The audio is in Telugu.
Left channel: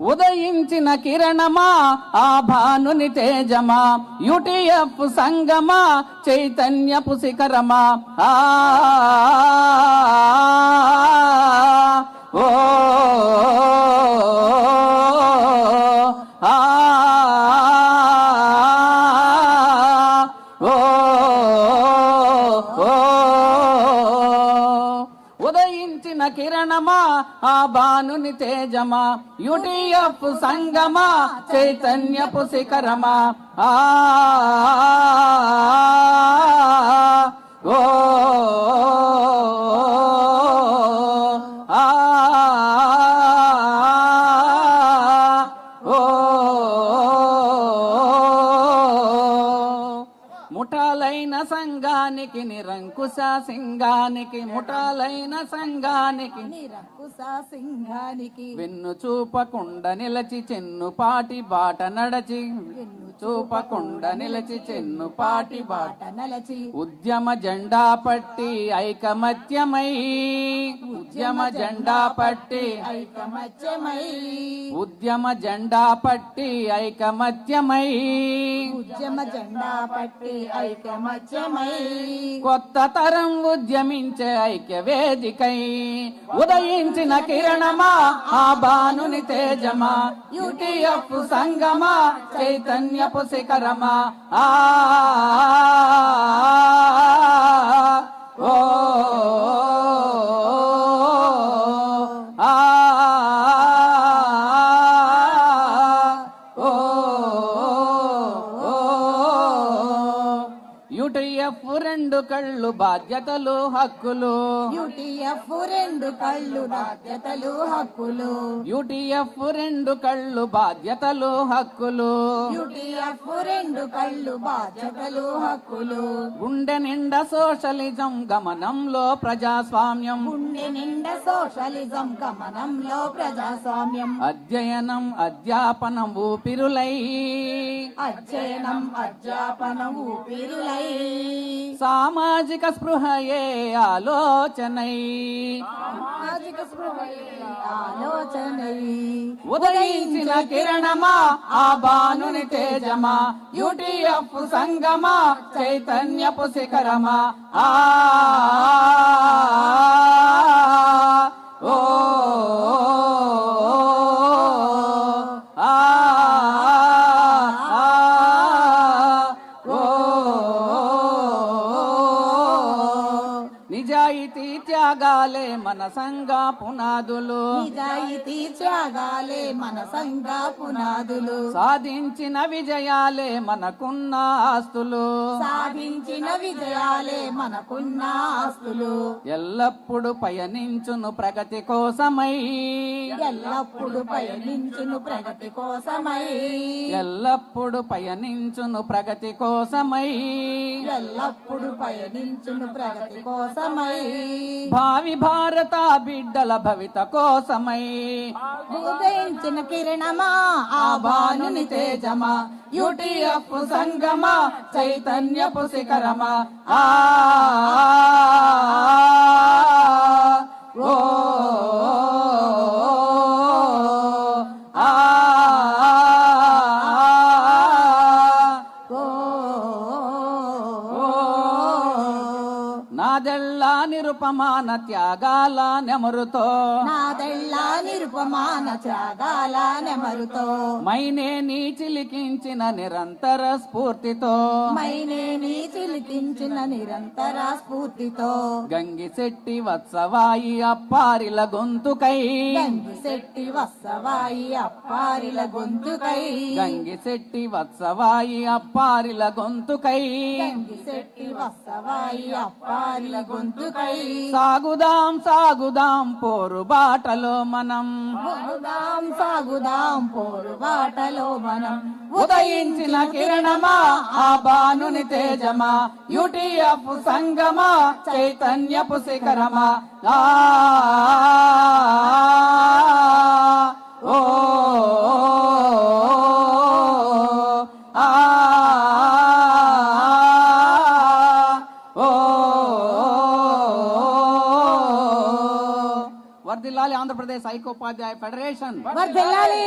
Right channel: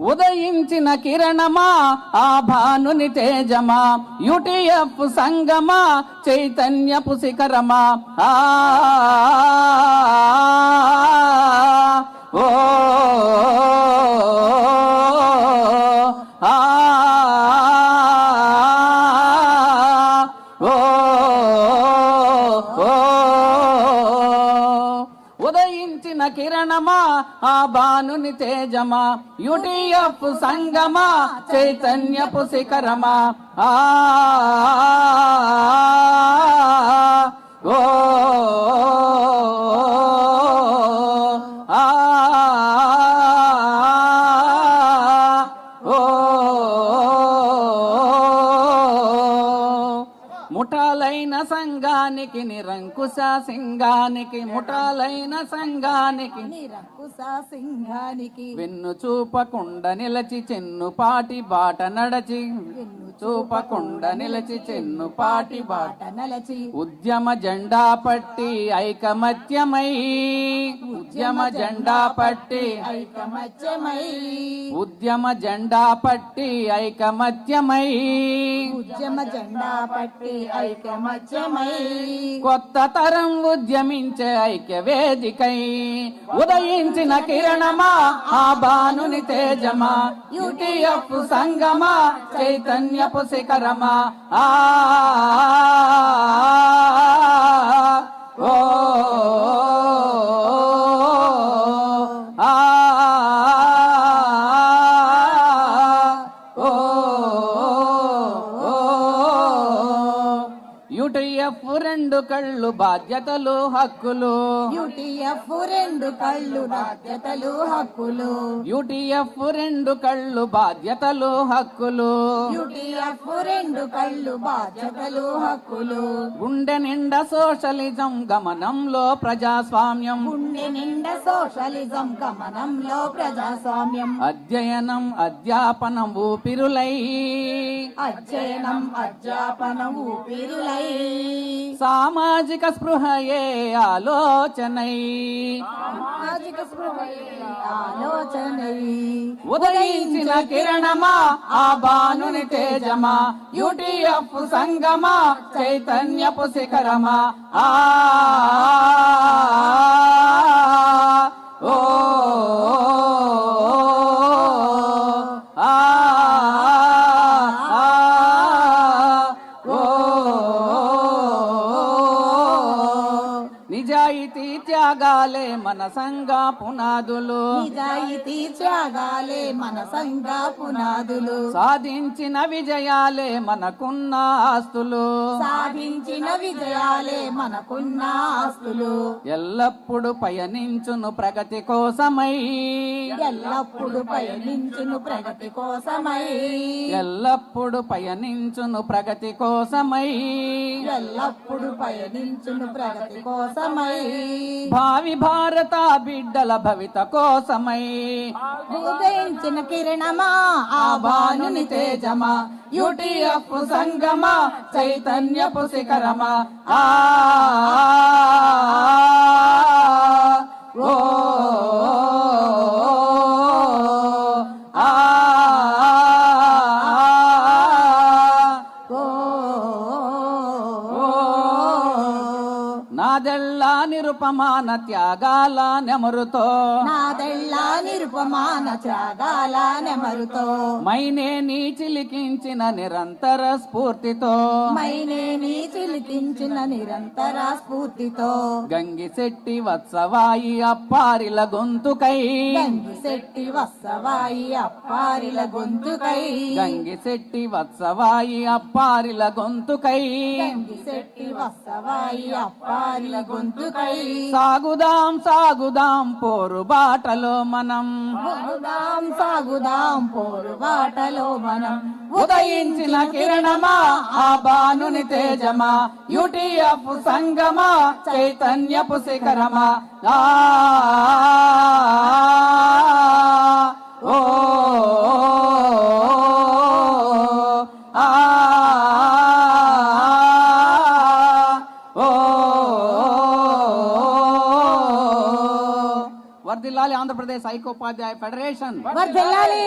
ఉదయించిన కిరణమా ఆ భానుని తేజమా యుటిఎఫ్ సంగమా చైతన్యపు శిఖరమా. ఆ ఓ ఆ ఓ కిరణమా ఆ భానుని తేజమా యుటిఎఫ్ సంగమా చైతన్యపు శిఖరమా. ఆ ముఠాలైన సంఘానికి నిరంకుశ సింగానికి ముఠాలైన సంఘానికి నిరంకుశ సింహానికి. వెన్ను చూపకుండా నిలచి చెన్నుపాటి బాట నడచి. వెన్ను చూపకుండా నిలచి చెన్నుపాటి బాట బాట నలచి. ఉద్యమ జెండా పట్టి ఐకమత్యమై. ఉద్యమ జెండా పట్టి ఐకమత్యమై. ఉద్యమ జెండా పట్టి ఐకమత్యమై. ఉద్యమ జెండా పట్టి ఐకమత్యమై. కొత్త తరం ఉద్యమించే ఐక్య వేదికై ఉదయించిన కిరణమా ఆ భానుని తేజమా యుటిఎఫ్ సంగమా చైతన్యపు శిఖరమా. ఆ యుటిఎఫ్ రెండు కళ్ళు బాధ్యతలు హక్కులు. యుటిఎఫ్ రెండు కళ్ళు బాధ్యతలు హక్కులు. యుటిఎఫ్ రెండు కళ్ళు బాధ్యతలు హక్కులు. యుటిఎఫ్ రెండు కళ్ళు బాధ్యతలు హక్కులు. గుండె నిండా సోషలిజం గమనంలో ప్రజాస్వామ్యం. గుండె నిండా సోషలిజం గమనంలో ప్రజాస్వామ్యం. అధ్యయనం అధ్యాపనం ఊపిరులై. అధ్యయనం అధ్యాపనం ఊపిరులై. సామాజిక స్పృహయే ఆలోచనై. సామాజిక స్పృహయే ఆలోచనై. ఉదయించిన కిరణమా ఆ భానుని తేజమా యుటిఎఫ్ సంగమా చైతన్యపు శిఖరమా. ఆ నిజాయితీ త్యాగాలే మన సంఘ పునాదులు. నిజాయితీ త్యాగాలే మన సంఘ పునాదులు. సాధించిన విజయాలే మనకున్న ఆస్తులు. సాధించిన విజయాలే మనకున్న ఆస్తులు. ఎల్లప్పుడు పయనించును ప్రగతి కోసమై. ఎల్లప్పుడు పయనించును ప్రగతి కోసమై. ఎల్లప్పుడు పయనించును ప్రగతి కోసమై. ఎల్లప్పుడు పయనించును ప్రగతి కోసమై. భావి భారత బిడ్డల భవిత కోసమై ఉదయించిన కిరణమా ఆ భానుని తేజమా యుటిఎఫ్ సంగమా చైతన్యపు శిఖరమా. ఆ నిరుపమాన త్యాగాల నెమరుతో. నాదెల్లా నిరుపమాన త్యాగాల నెమరుతో. మైనే నీ చిలికించిన నిరంతర స్ఫూర్తితో. మైనేని చిలికించిన నిరంతర స్ఫూర్తితో గంగిశెట్టి వత్సవాయి అప్పారిల గొంతుకై. గంగిశెట్టి వత్సవాయి అప్పారిల గొంతుకై. గంగిశెట్టి వత్సవాయి అప్పారిల గొంతుకై. గంగిశెట్టి వత్సవాయి అప్పారిల గొంతుకై. సాగుదాం సాగుదాం పోరు బాటలో మనం. సాగుదాం సాగుదాం పోరు బాటలో మనం. ఉదయించిన కిరణమా ఆ భానుని తేజమా. యుటిఎఫ్ సంగమా చైతన్యపు శిఖరమా ఆ ఓ ఆ ఓ వర్దిల్లాలి ఆంధ్రప్రదేశ్ ఆంధ్రప్రదేశ్ ఐకోపాధ్యాయ ఫెడరేషన్. వర్ధిల్లాలి